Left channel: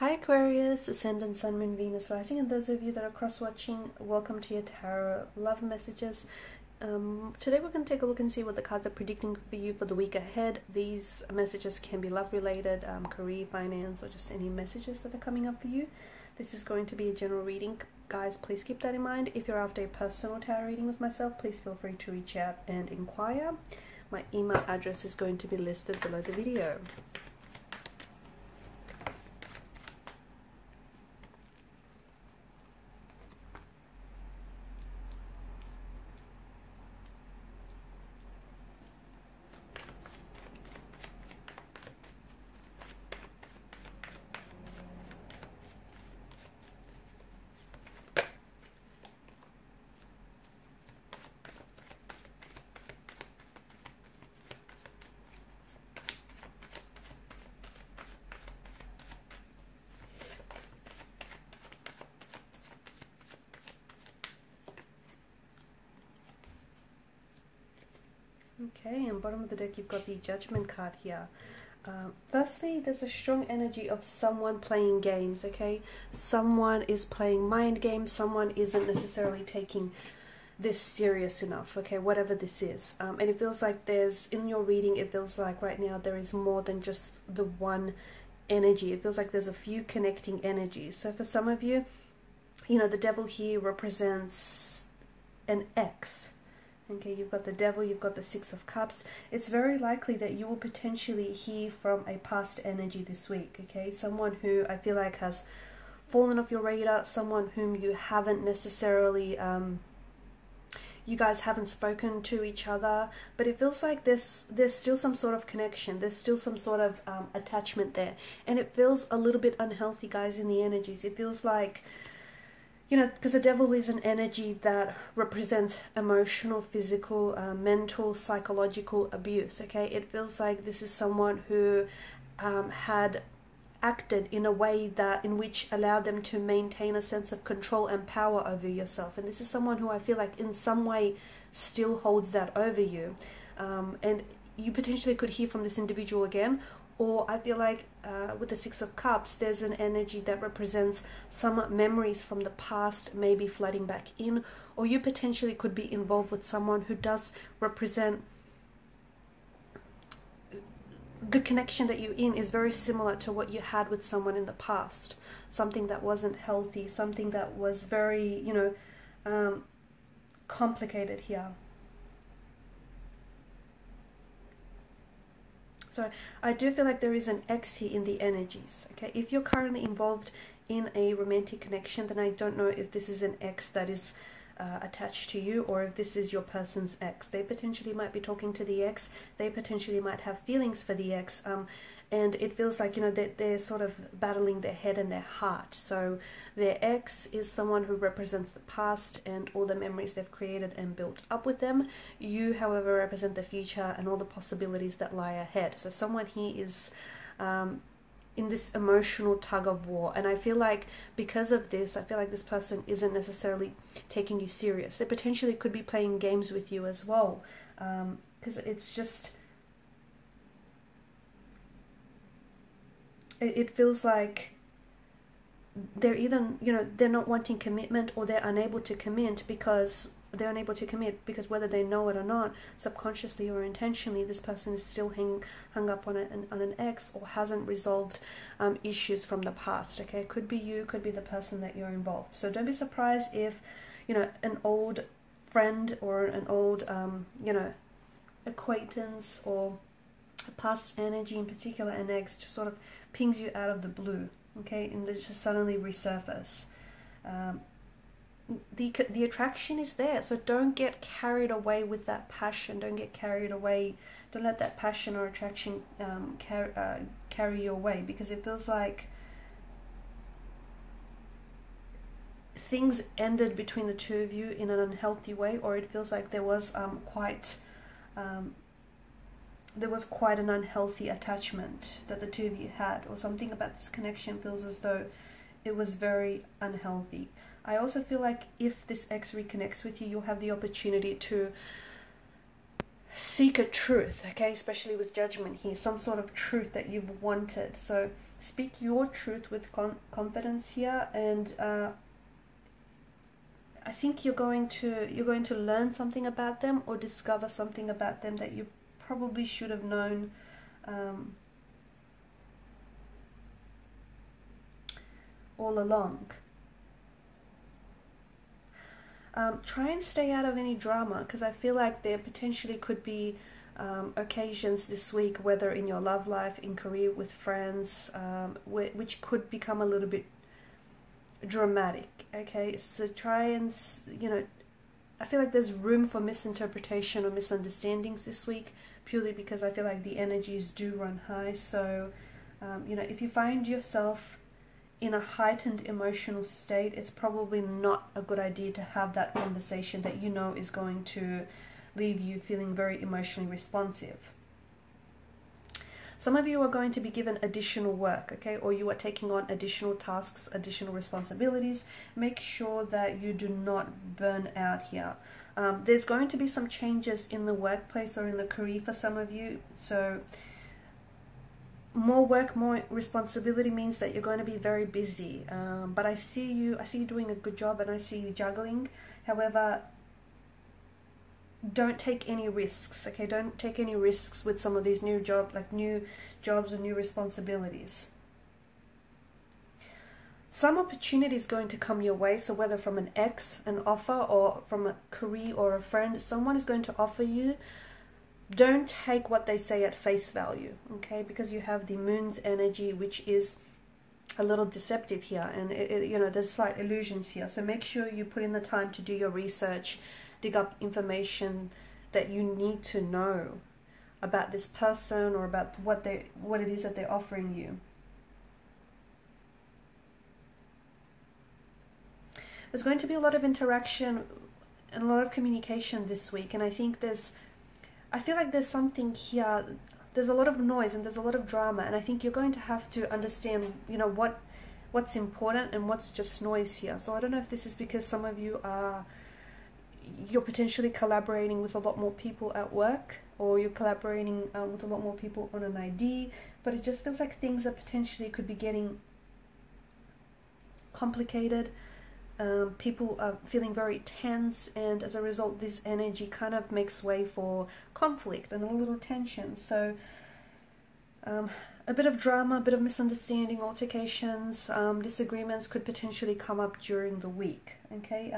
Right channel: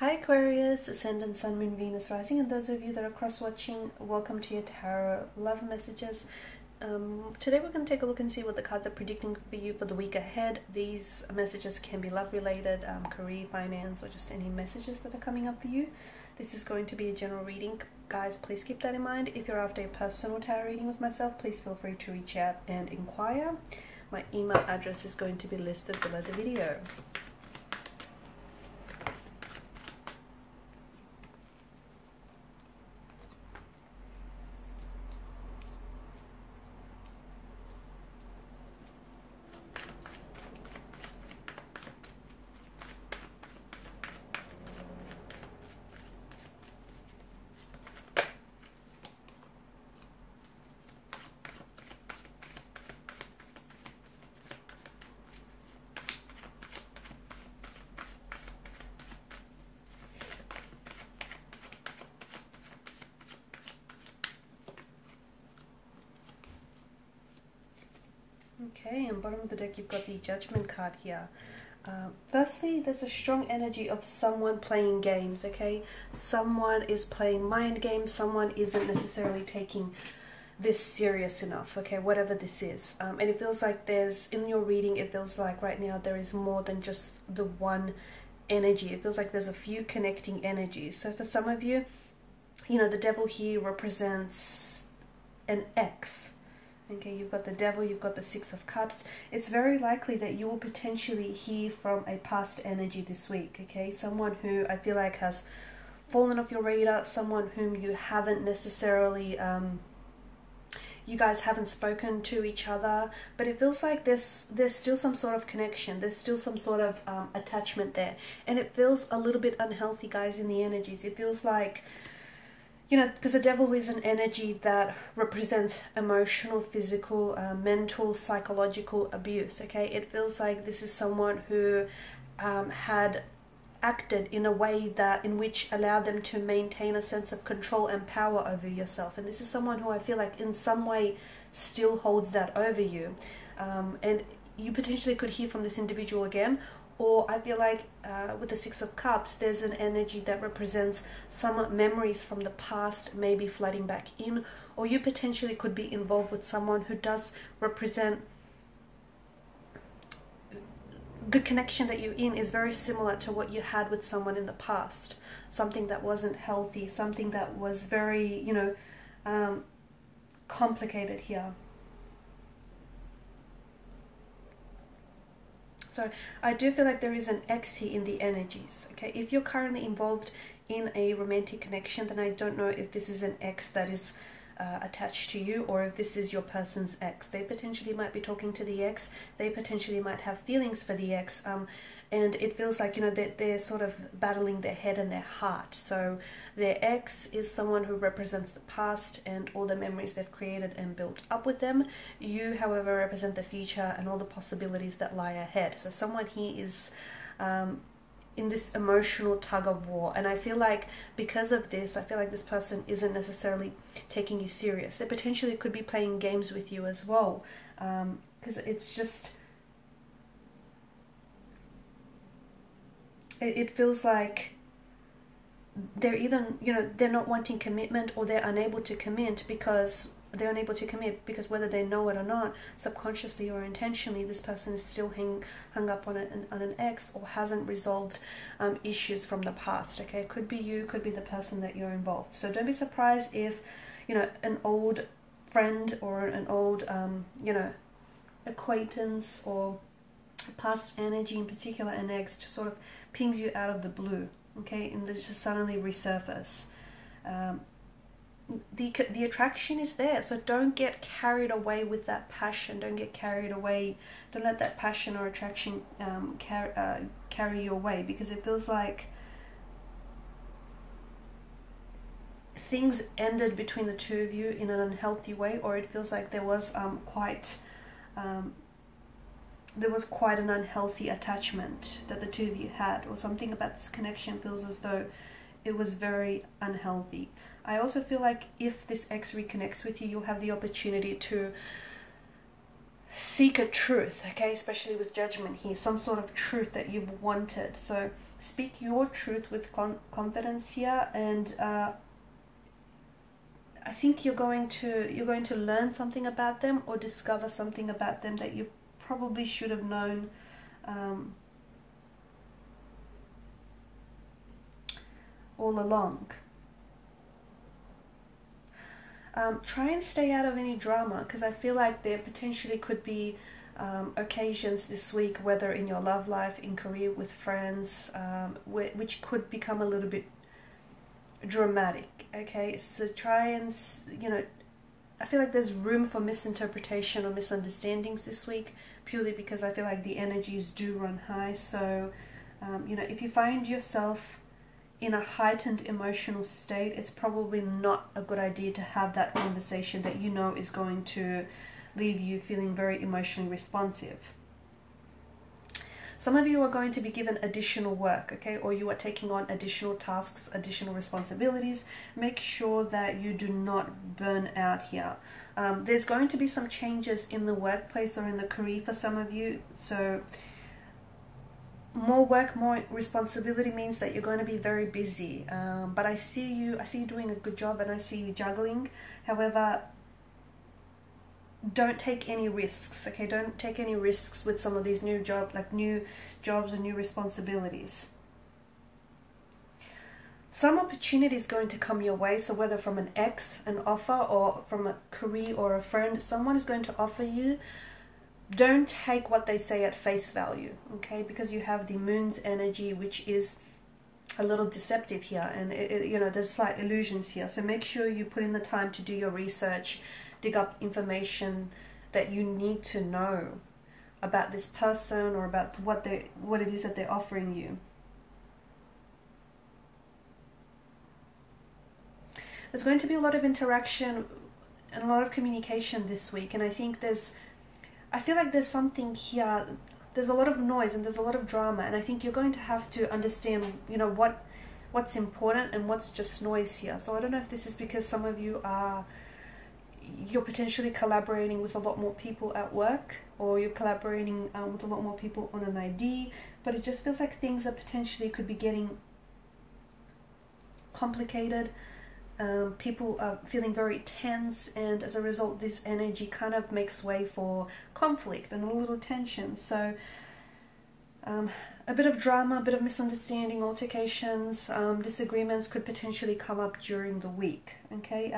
Hi Aquarius, Ascendant, Sun, Moon, Venus, Rising, and those of you that are cross-watching, welcome to your tarot love messages. Today we're going to take a look and see what the cards are predicting for you for the week ahead. These messages can be love-related, career, finance, or just any messages that are coming up for you. This is going to be a general reading. Guys, please keep that in mind. If you're after a personal tarot reading with myself, please feel free to reach out and inquire. My email address is going to be listed below the video. Okay, and bottom of the deck you've got the Judgment card here. Firstly, there's a strong energy of someone playing games, okay? Someone is playing mind games, someone isn't necessarily taking this serious enough, okay, whatever this is. And it feels like there's, in your reading, it feels like right now there is more than just the one energy. It feels like there's a few connecting energies. So for some of you, you know, the devil here represents an ex. Okay, you've got the devil, you've got the Six of Cups. It's very likely that you will potentially hear from a past energy this week, okay? Someone who I feel like has fallen off your radar, someone whom you haven't necessarily, you guys haven't spoken to each other, but it feels like there's still some sort of connection, there's still some sort of attachment there. And it feels a little bit unhealthy, guys, in the energies. It feels like, you know, because the devil is an energy that represents emotional, physical, mental, psychological abuse, okay? It feels like this is someone who had acted in a way that in which allowed them to maintain a sense of control and power over yourself. And this is someone who I feel like in some way still holds that over you. And you potentially could hear from this individual again. Or I feel like with the Six of Cups, there's an energy that represents some memories from the past, maybe flooding back in. Or you potentially could be involved with someone who does represent the connection that you're in is very similar to what you had with someone in the past. Something that wasn't healthy, something that was very, you know, complicated here. So I do feel like there is an ex here in the energies, okay? If you're currently involved in a romantic connection, then I don't know if this is an ex that is attached to you or if this is your person's ex. They potentially might be talking to the ex. They potentially might have feelings for the ex. And it feels like, you know, they're sort of battling their head and their heart. So their ex is someone who represents the past and all the memories they've created and built up with them. You, however, represent the future and all the possibilities that lie ahead. So someone here is in this emotional tug of war. And I feel like because of this, I feel like this person isn't necessarily taking you serious. They potentially could be playing games with you as well. Because it's just... It feels like they're either, you know, they're not wanting commitment or they're unable to commit because whether they know it or not, subconsciously or intentionally, this person is still hung up on an ex or hasn't resolved issues from the past, okay? Could be you, could be the person that you're involved. So don't be surprised if, you know, an old friend or an old, you know, acquaintance or past energy, in particular an ex, just sort of pings you out of the blue, okay, and they just suddenly resurface. The attraction is there, so don't get carried away with that passion. Don't get carried away. Don't let that passion or attraction carry you away, because it feels like things ended between the two of you in an unhealthy way, or it feels like there was quite an unhealthy attachment that the two of you had, or something about this connection feels as though it was very unhealthy. I also feel like if this ex reconnects with you, you'll have the opportunity to seek a truth, okay, especially with Judgment here, some sort of truth that you've wanted. So speak your truth with confidence here, and I think you're going to learn something about them, or discover something about them that you probably should have known all along. Try and stay out of any drama, because I feel like there potentially could be occasions this week, whether in your love life, in career, with friends, which could become a little bit dramatic, okay? So try and, you know, I feel like there's room for misinterpretation or misunderstandings this week, purely because I feel like the energies do run high. So, you know, if you find yourself in a heightened emotional state, it's probably not a good idea to have that conversation that you know is going to leave you feeling very emotionally responsive. Some of you are going to be given additional work, okay, or you are taking on additional tasks, additional responsibilities. Make sure that you do not burn out here. There's going to be some changes in the workplace or in the career for some of you. So more work, more responsibility means that you're going to be very busy. But I see you doing a good job, and I see you juggling. However, don't take any risks, okay? Don't take any risks with some of these new jobs or new responsibilities. Some opportunity is going to come your way, so whether from an ex, an offer, or from a career or a friend, someone is going to offer you. Don't take what they say at face value, okay? Because you have the moon's energy, which is a little deceptive here, and you know, there's slight illusions here. So make sure you put in the time to do your research, dig up information that you need to know about this person, or about what it is that they're offering you. There's going to be a lot of interaction and a lot of communication this week, and I feel like there's something here. There's a lot of noise and there's a lot of drama, and I think you're going to have to understand, you know, what's important and what's just noise here. So I don't know if this is because some of you you're potentially collaborating with a lot more people at work, or you're collaborating with a lot more people on an idea, but it just feels like things are potentially could be getting complicated. People are feeling very tense, and as a result this energy kind of makes way for conflict and a little tension. So a bit of drama, a bit of misunderstanding, altercations, disagreements could potentially come up during the week, okay?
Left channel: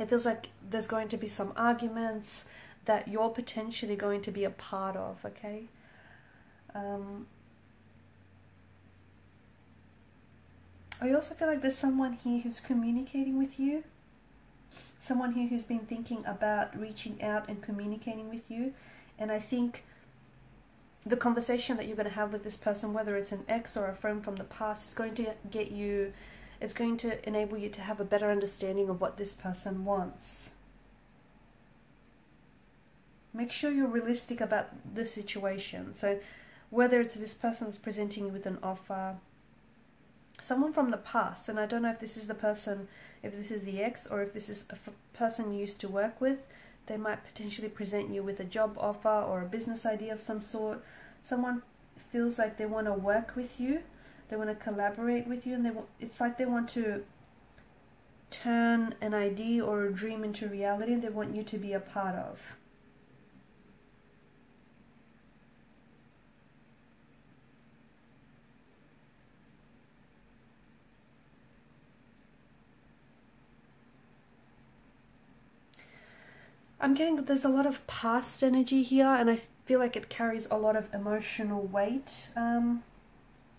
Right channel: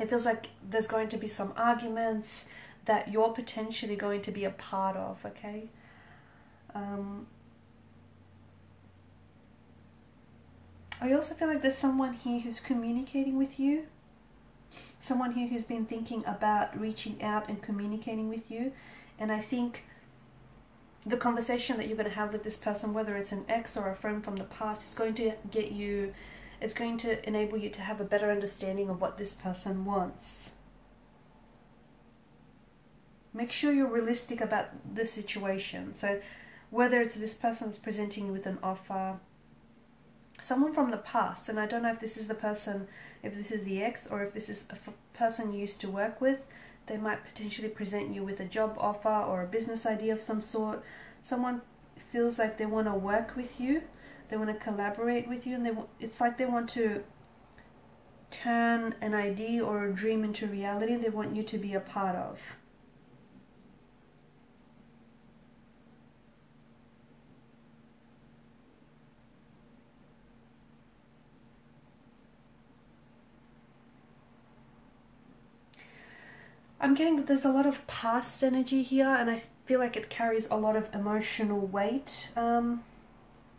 It feels like there's going to be some arguments that you're potentially going to be a part of, okay? I also feel like there's someone here who's communicating with you. Someone here who's been thinking about reaching out and communicating with you. And I think the conversation that you're going to have with this person, whether it's an ex or a friend from the past, is going to get you... It's going to enable you to have a better understanding of what this person wants. Make sure you're realistic about the situation. So whether it's this person is presenting you with an offer, someone from the past, and I don't know if this is the person, if this is the ex, or if this is a person you used to work with, they might potentially present you with a job offer or a business idea of some sort. Someone feels like they want to work with you. They want to collaborate with you, and it's like they want to turn an idea or a dream into reality. They want you to be a part of. I'm getting that there's a lot of past energy here, and I feel like it carries a lot of emotional weight.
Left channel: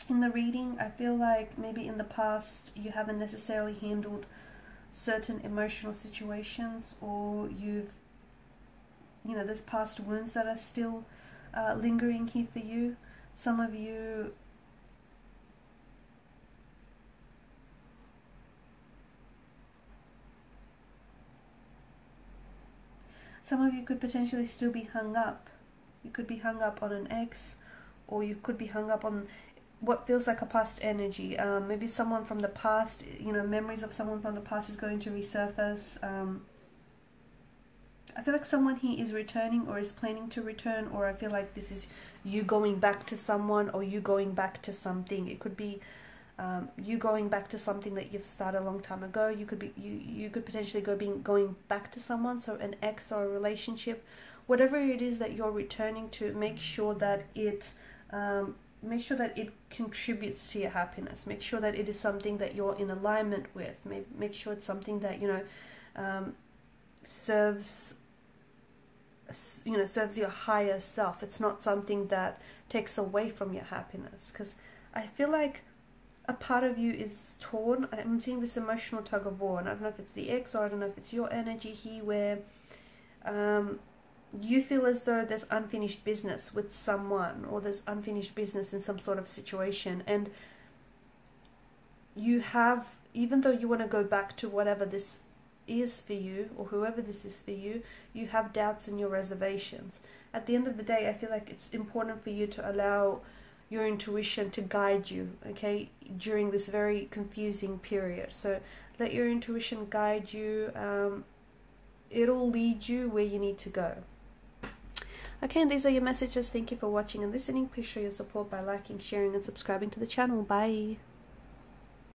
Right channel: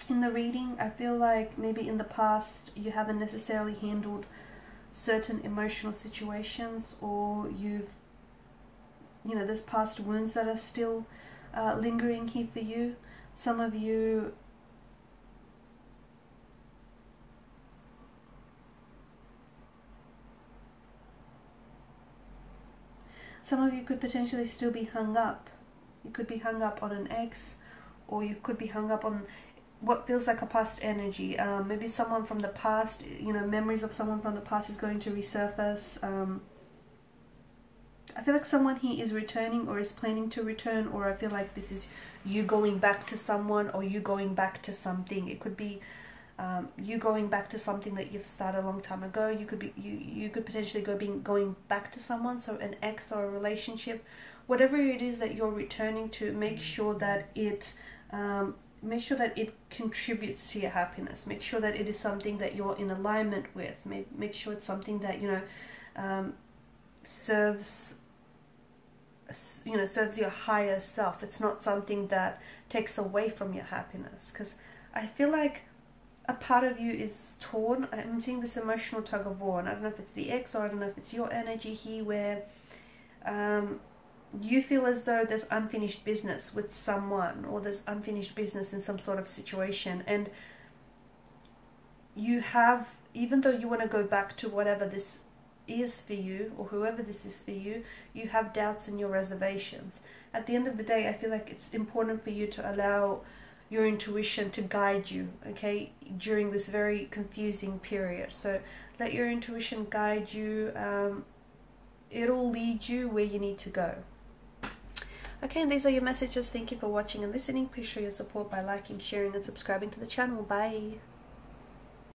In the reading, I feel like maybe in the past you haven't necessarily handled certain emotional situations, or there's past wounds that are still lingering here for you. Some of you could potentially still be hung up. You could be hung up on an ex, or you could be hung up on what feels like a past energy. Maybe someone from the past, memories of someone from the past is going to resurface. I feel like someone here is returning or is planning to return, or I feel like this is you going back to someone or you going back to something. It could be you going back to something that you've started a long time ago. You could be you could potentially going back to someone, so an ex or a relationship. Whatever it is that you're returning to, make sure that it contributes to your happiness. Make sure that it is something that you're in alignment with. Make sure it's something that, you know, serves your higher self. It's not something that takes away from your happiness, because I feel like a part of you is torn. I'm seeing this emotional tug of war, and I don't know if it's the ex or I don't know if it's your energy here, where you feel as though there's unfinished business with someone, or there's unfinished business in some sort of situation, and you have, even though you want to go back to whatever this is for you, or whoever this is for you, you have doubts and your reservations. At the end of the day, I feel like it's important for you to allow your intuition to guide you, okay, during this very confusing period. So let your intuition guide you. It'll lead you where you need to go. Okay, and these are your messages. Thank you for watching and listening. Please show your support by liking, sharing, and subscribing to the channel. Bye.